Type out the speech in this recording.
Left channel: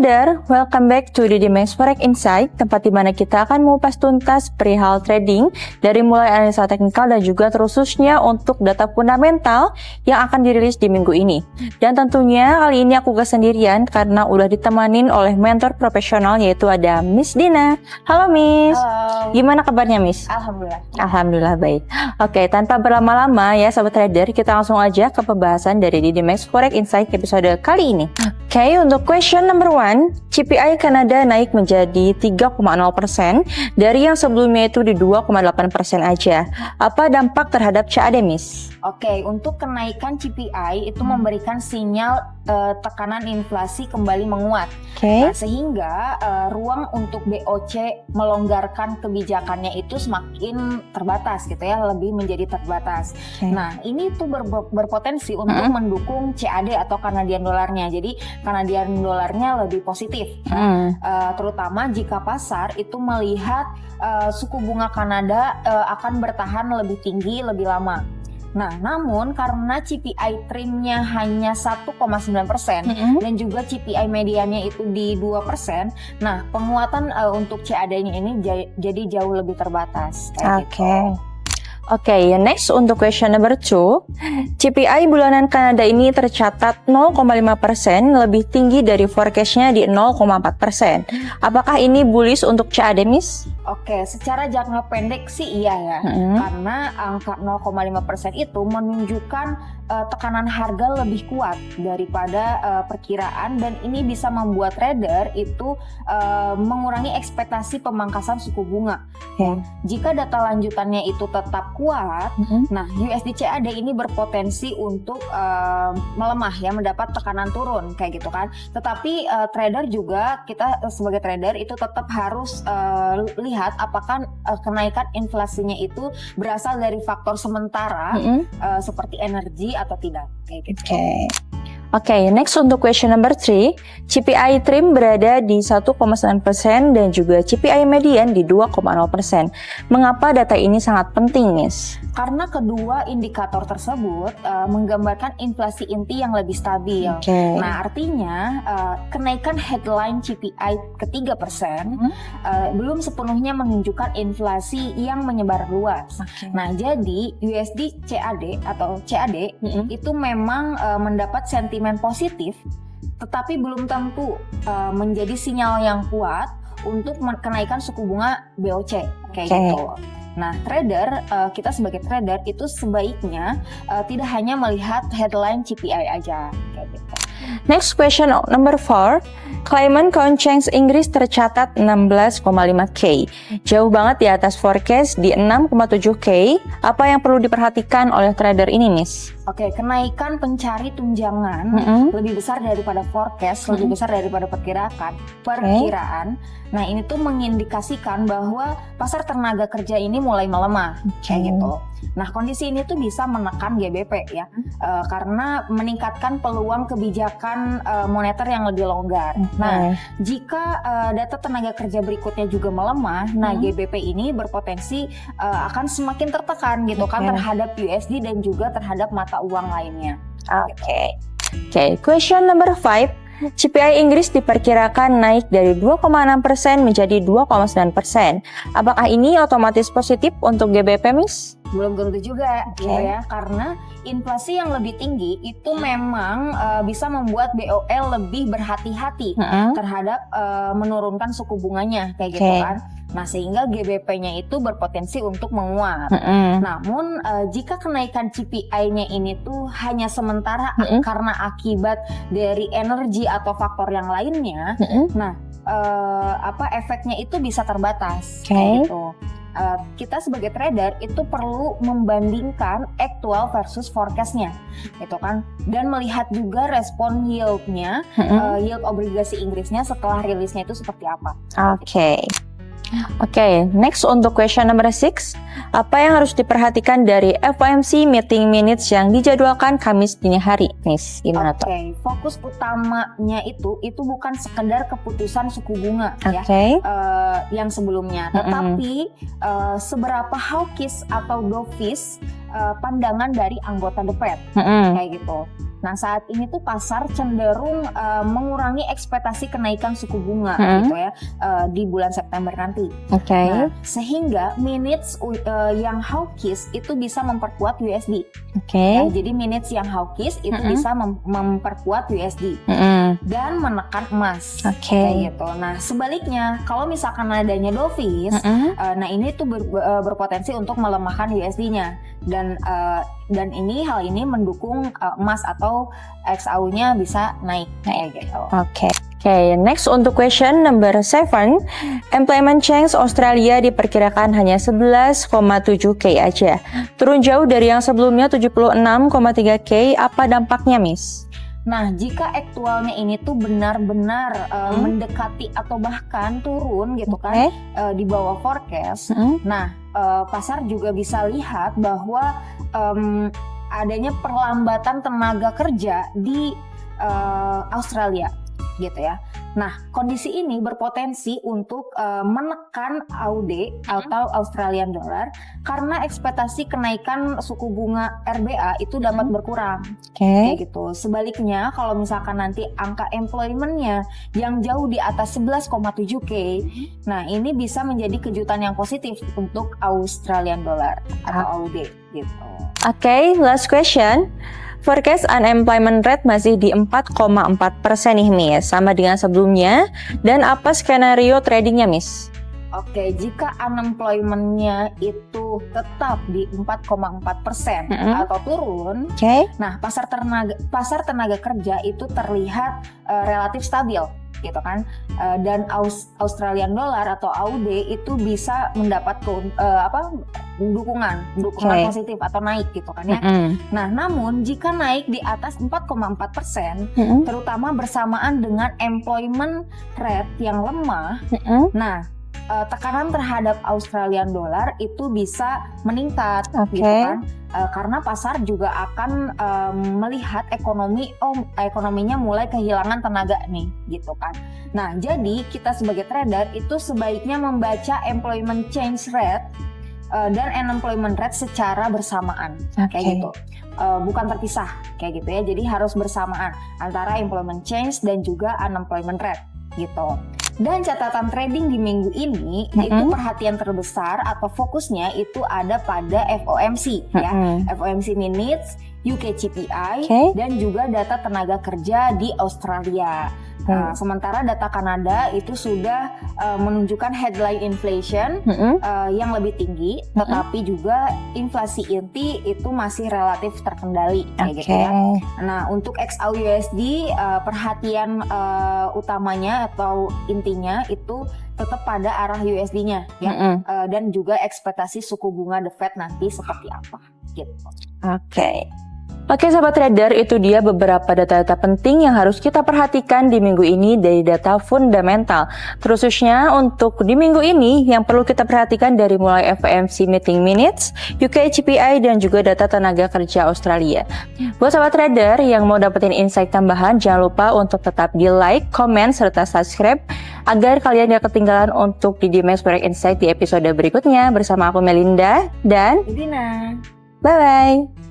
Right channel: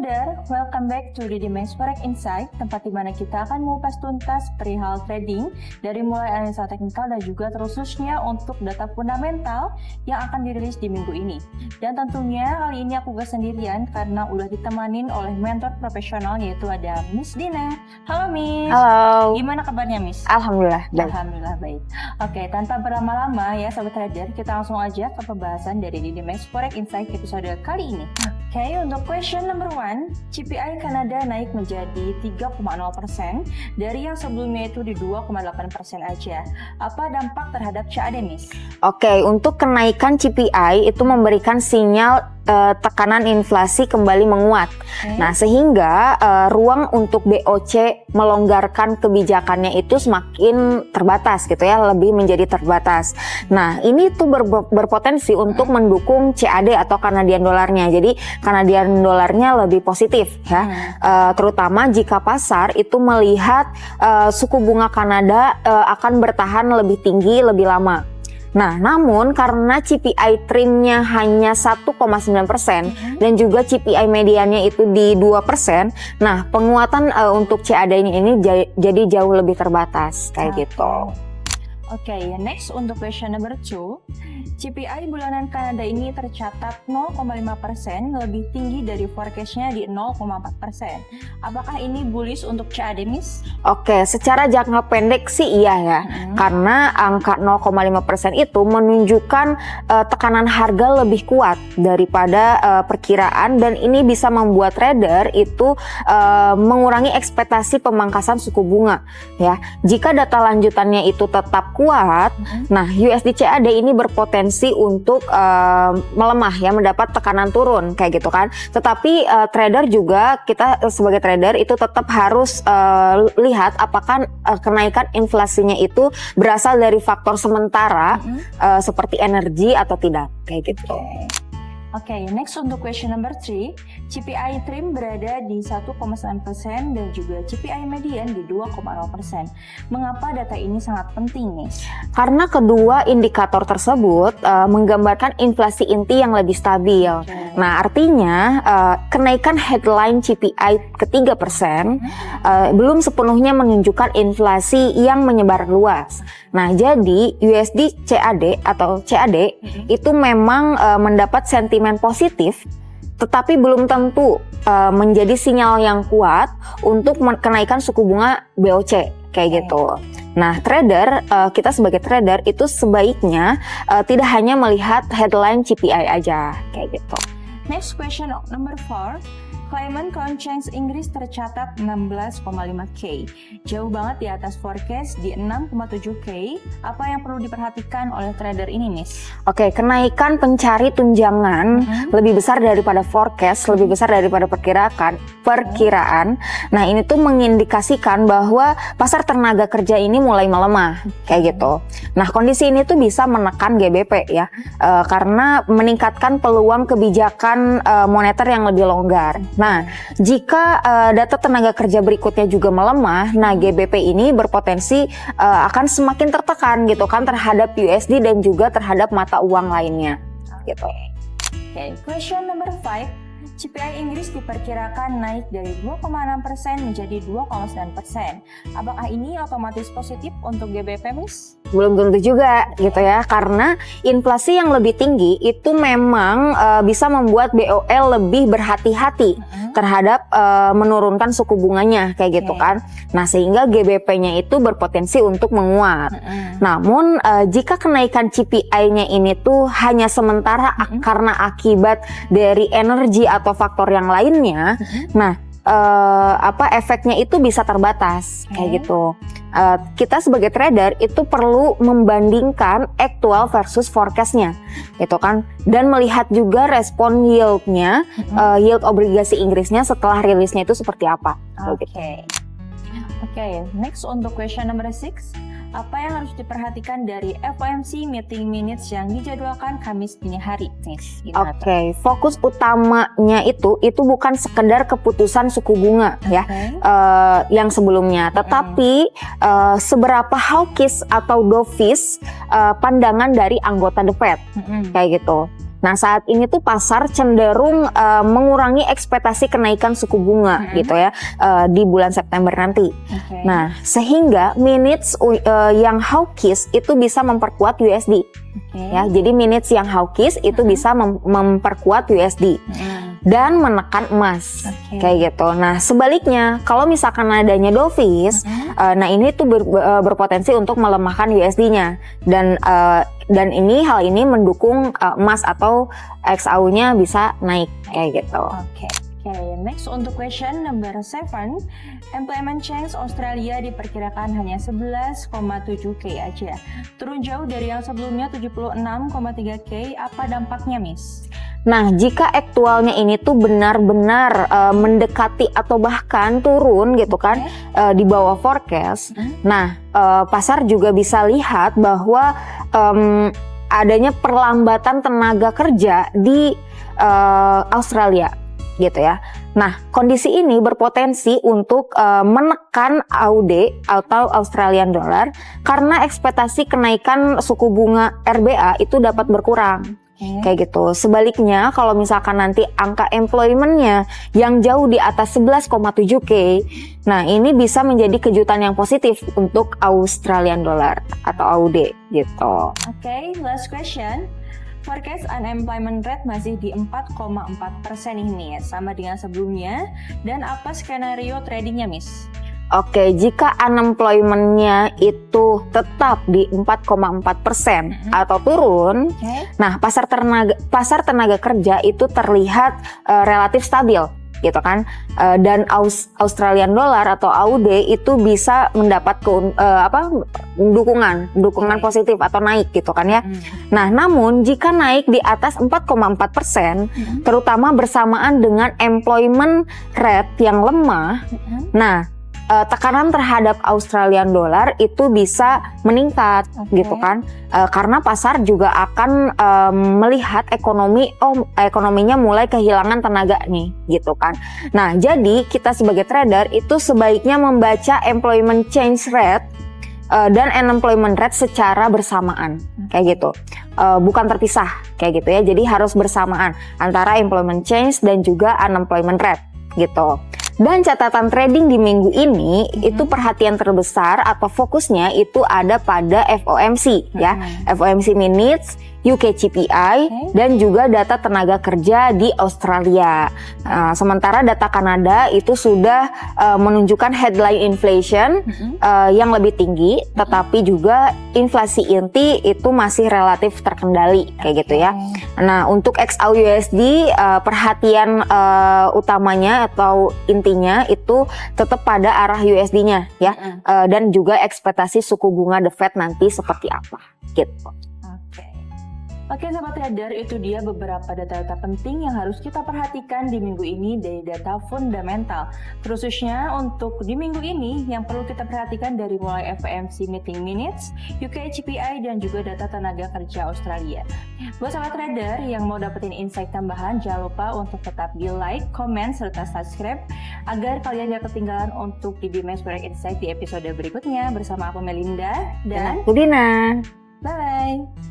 trader, welcome back to DDMax Forex Insight, tempat di mana kita akan mengupas tuntas perihal trading dari mulai analisa teknikal dan juga khususnya untuk data fundamental yang akan dirilis di minggu ini. Dan tentunya kali ini aku gak sendirian karena udah ditemanin oleh mentor profesional yaitu ada Miss Dina. Halo Miss. Halo. Gimana kabarnya Miss? Alhamdulillah. Alhamdulillah baik. Oke, tanpa berlama-lama ya sobat trader, kita langsung aja ke pembahasan dari DDMax Forex Insight episode kali ini. Oke, untuk question number 1, CPI Kanada naik menjadi 3,0% dari yang sebelumnya itu di 2,8% aja. Apa dampak terhadap CAD, Miss? Oke, untuk kenaikan CPI itu memberikan sinyal tekanan inflasi kembali menguat. Nah, sehingga ruang untuk BOC melonggarkan kebijakannya itu semakin terbatas gitu ya, lebih menjadi terbatas. Nah, ini tuh berpotensi untuk mendukung CAD atau Canadian dollarnya. Jadi, Canadian dollarnya lebih positif ya. Terutama jika pasar itu melihat suku bunga Kanada akan bertahan lebih tinggi lebih lama. Nah, namun karena CPI trimnya hanya 1,9% dan juga CPI mediannya itu di 2%, nah penguatan untuk CAD ini jadi jauh lebih terbatas kayak gitu. Oke, next untuk question number 2, CPI bulanan Kanada ini tercatat 0,5% lebih tinggi dari forecast-nya di 0,4%. Apakah ini bullish untuk CAD, Miss? Oke, secara jangka pendek sih iya ya, karena angka 0,5% itu menunjukkan tekanan harga lebih kuat daripada perkiraan dan ini bisa membuat trader itu mengurangi ekspektasi pemangkasan suku bunga ya. Jika data lanjutannya itu tetap kuat, nah USD CAD ini berpotensi untuk melemah ya, mendapat tekanan turun kayak gitu kan. Tetapi trader juga, kita sebagai trader itu tetap harus lihat apakah kenaikan inflasinya itu berasal dari faktor sementara seperti energi atau tidak kayak gitu. Oke, next untuk question number 3, CPI trim berada di 1,9% dan juga CPI median di 2,0%. Mengapa data ini sangat penting, Miss? Karena kedua indikator tersebut menggambarkan inflasi inti yang lebih stabil. Nah, artinya kenaikan headline CPI ke 3% belum sepenuhnya menunjukkan inflasi yang menyebar luas. Nah, jadi USD CAD atau CAD itu memang mendapat sentimen positif, tetapi belum tentu menjadi sinyal yang kuat untuk kenaikan suku bunga BOC kayak gitu. Nah, trader, kita sebagai trader itu sebaiknya tidak hanya melihat headline CPI aja kayak gitu. Next question number 4, Climate Count Change Inggris tercatat 16,5K. Jauh banget di atas forecast di 6,7K. Apa yang perlu diperhatikan oleh trader ini, Miss? Oke, kenaikan pencari tunjangan lebih besar daripada forecast, lebih besar daripada perkiraan. Nah, ini tuh mengindikasikan bahwa pasar tenaga kerja ini mulai melemah kayak gitu. Nah, kondisi ini tuh bisa menekan GBP ya, karena meningkatkan peluang kebijakan moneter yang lebih longgar. Nah, jika data tenaga kerja berikutnya juga melemah, nah GBP ini berpotensi akan semakin tertekan gitu kan terhadap USD dan juga terhadap mata uang lainnya. Oke, question number 5. CPI Inggris diperkirakan naik dari 2,6% menjadi 2,9%. Apakah ini otomatis positif untuk GBP, Miss? Belum tentu juga gitu ya, karena inflasi yang lebih tinggi itu memang bisa membuat BOL lebih berhati-hati terhadap menurunkan suku bunganya kayak gitu kan. Nah, sehingga GBP-nya itu berpotensi untuk menguat. Namun jika kenaikan CPI-nya ini tuh hanya sementara karena akibat dari energi atau faktor yang lainnya, nah efeknya itu bisa terbatas kayak gitu. Kita sebagai trader itu perlu membandingkan actual versus forecast-nya gitu kan, dan melihat juga respon yield-nya, yield obligasi Inggrisnya setelah rilisnya itu seperti apa. Oke, next untuk question number 6. Apa yang harus diperhatikan dari FOMC meeting minutes yang dijadwalkan Kamis dini hari, Miss? Gimana tuh? Fokus utamanya itu bukan sekedar keputusan suku bunga ya, yang sebelumnya, tetapi seberapa hawkish atau dovish pandangan dari anggota The Fed kayak gitu. Nah, saat ini tuh pasar cenderung mengurangi ekspektasi kenaikan suku bunga gitu ya di bulan September nanti. Nah, sehingga minutes yang hawkish itu bisa memperkuat USD. Ya, jadi minutes yang hawkish itu bisa memperkuat USD dan menekan emas kayak gitu. Nah, sebaliknya kalau misalkan adanya dovish, nah ini tuh berpotensi untuk melemahkan USD-nya dan hal ini mendukung emas atau XAU-nya bisa naik kayak gitu. Oke, next untuk question number 7. Employment change Australia diperkirakan hanya 11,7K aja. Turun jauh dari yang sebelumnya 76,3K. Apa dampaknya, Miss? Nah, jika aktualnya ini tuh benar-benar mendekati atau bahkan turun gitu kan di bawah forecast. Nah, pasar juga bisa lihat bahwa adanya perlambatan tenaga kerja di Australia gitu ya. Nah, kondisi ini berpotensi untuk menekan AUD atau Australian Dollar karena ekspektasi kenaikan suku bunga RBA itu dapat berkurang. Kayak gitu. Sebaliknya, kalau misalkan nanti angka employment-nya yang jauh di atas 11,7K, nah ini bisa menjadi kejutan yang positif untuk Australian Dollar atau AUD gitu. Last question. Forecast unemployment rate masih di 4,4% nih, Miss, sama dengan sebelumnya. Dan apa skenario tradingnya, Miss? Jika unemployment-nya itu tetap di 4,4% atau turun, nah pasar tenaga kerja itu terlihat relatif stabil gitu kan, dan Australian Dollar atau AUD itu bisa mendapat dukungan positif atau naik gitu kan ya. Nah, namun jika naik di atas 4,4%, terutama bersamaan dengan employment rate yang lemah, nah tekanan terhadap Australian Dollar itu bisa meningkat gitu kan, karena pasar juga akan melihat ekonominya mulai kehilangan tenaga nih gitu kan. Nah, jadi kita sebagai trader itu sebaiknya membaca employment change rate dan unemployment rate secara bersamaan kayak gitu, bukan terpisah kayak gitu ya. Jadi harus bersamaan antara employment change dan juga unemployment rate gitu. Dan catatan trading di minggu ini itu perhatian terbesar atau fokusnya itu ada pada FOMC ya, FOMC minutes, UK CPI dan juga data tenaga kerja di Australia. Sementara data Kanada itu sudah menunjukkan headline inflation yang lebih tinggi, tetapi juga inflasi inti itu masih relatif terkendali kayak gitu ya. Nah, untuk XAU USD perhatian utamanya atau intinya itu tetap pada arah USD-nya ya, dan juga ekspektasi suku bunga The Fed nanti seperti apa gitu. Oke, sahabat trader, itu dia beberapa data-data penting yang harus kita perhatikan di minggu ini dari data fundamental. Khususnya untuk di minggu ini yang perlu kita perhatikan dari mulai FOMC meeting minutes, UK CPI dan juga data tenaga kerja Australia. Buat sahabat trader yang mau dapetin insight tambahan, jangan lupa untuk tetap di like, comment, serta subscribe agar kalian gak ketinggalan untuk di Dimes Forex Insight di episode berikutnya bersama aku Melinda dan Udina. Bye-bye.